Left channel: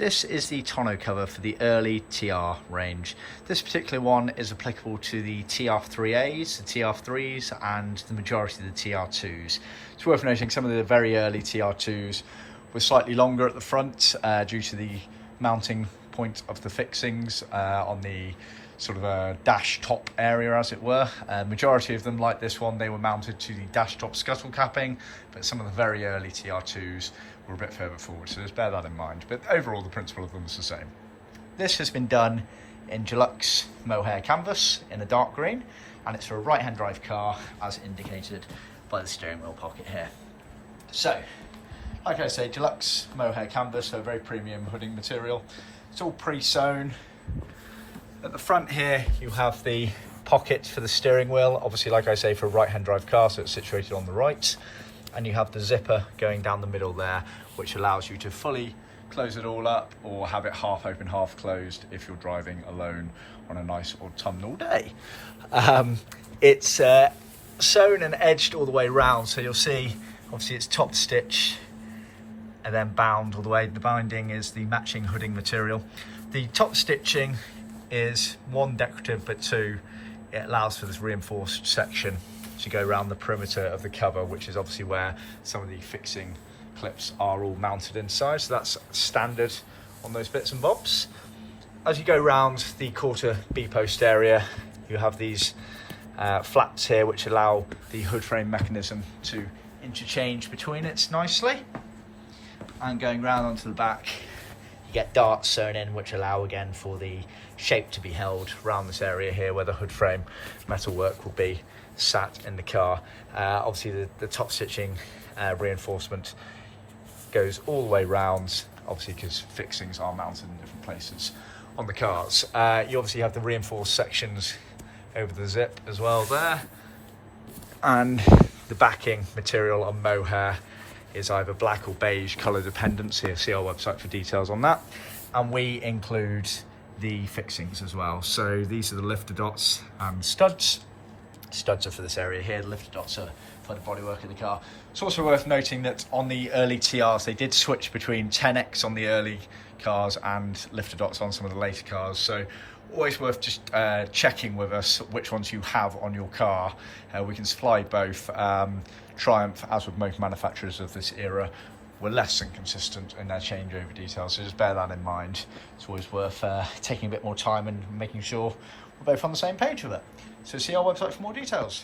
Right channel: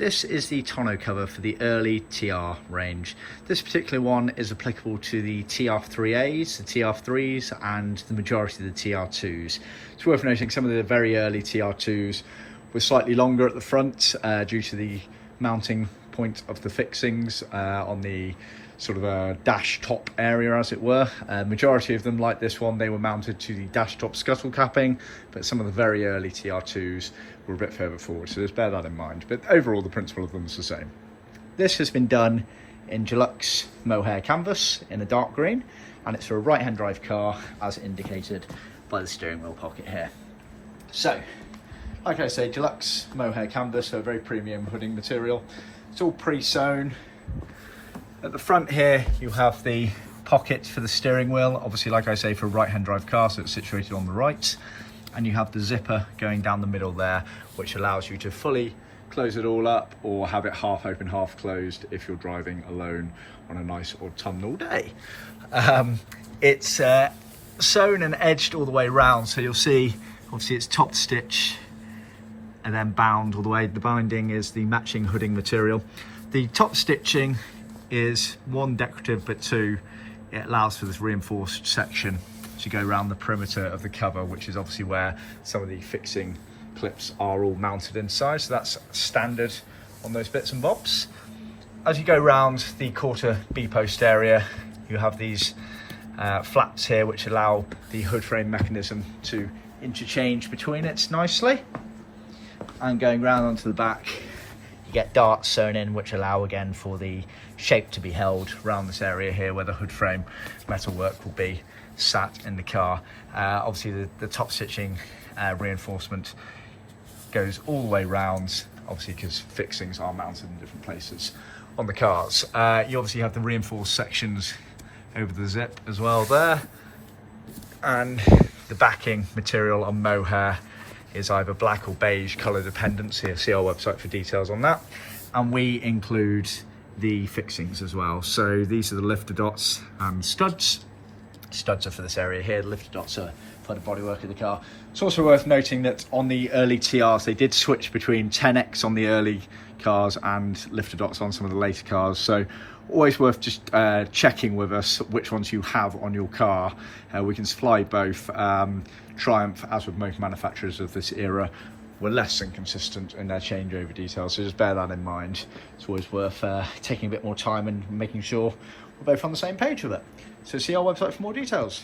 This is the tonneau cover for the early TR range. This particular one is applicable to the TR3As, the TR3s and the majority of the TR2s. It's worth noting some of the very early TR2s were slightly longer at the front due to the mounting point of the fixings on the sort of a dash top area, as it were. Majority of them, like this one, they were mounted to the dash top scuttle capping, but some of the very early TR2s were a bit further forward, so just bear that in mind. But overall, the principle of them is the same. This has been done in Deluxe Mohair canvas in a dark green, and it's for a right-hand drive car, as indicated by the steering wheel pocket here. So, like I say, Deluxe Mohair canvas, so a very premium hooding material. It's all pre-sewn. At the front here, you have the pockets for the steering wheel, obviously, like I say, for a right-hand drive car, so it's situated on the right. And you have the zipper going down the middle there, which allows you to fully close it all up or have it half open, half closed if you're driving alone on a nice autumnal day. It's sewn and edged all the way around, so you'll see, obviously, it's top stitch and then bound all the way. The binding is the matching hooding material. The top stitching is one, decorative, but two, it allows for this reinforced section to go around the perimeter of the cover, which is obviously where some of the fixing clips are all mounted inside. So that's standard on those bits and bobs. As you go around the quarter B post area, you have these flaps here, which allow the hood frame mechanism to interchange between it nicely. And going round onto the back, you get darts sewn in, which allow again for the shape to be held around this area here where the hood frame metalwork will be sat in the car. Obviously the top stitching reinforcement goes all the way round, obviously because fixings are mounted in different places on the cars. You obviously have the reinforced sections over the zip as well there, and the backing material on Mohair is either black or beige colour dependent, so you'll see our website for details on that. And we include the fixings as well. So these are the lifter dots and studs. Studs are for this area here, the lifter dots are for the bodywork of the car. It's also worth noting that on the early TRs, they did switch between 10X on the early cars and lifter dots on some of the later cars. So always worth just checking with us which ones you have on your car. We can supply both. Triumph, as with most manufacturers of this era, were less inconsistent in their changeover details, so just bear that in mind. It's always worth taking a bit more time and making sure we're both on the same page with it. So see our website for more details.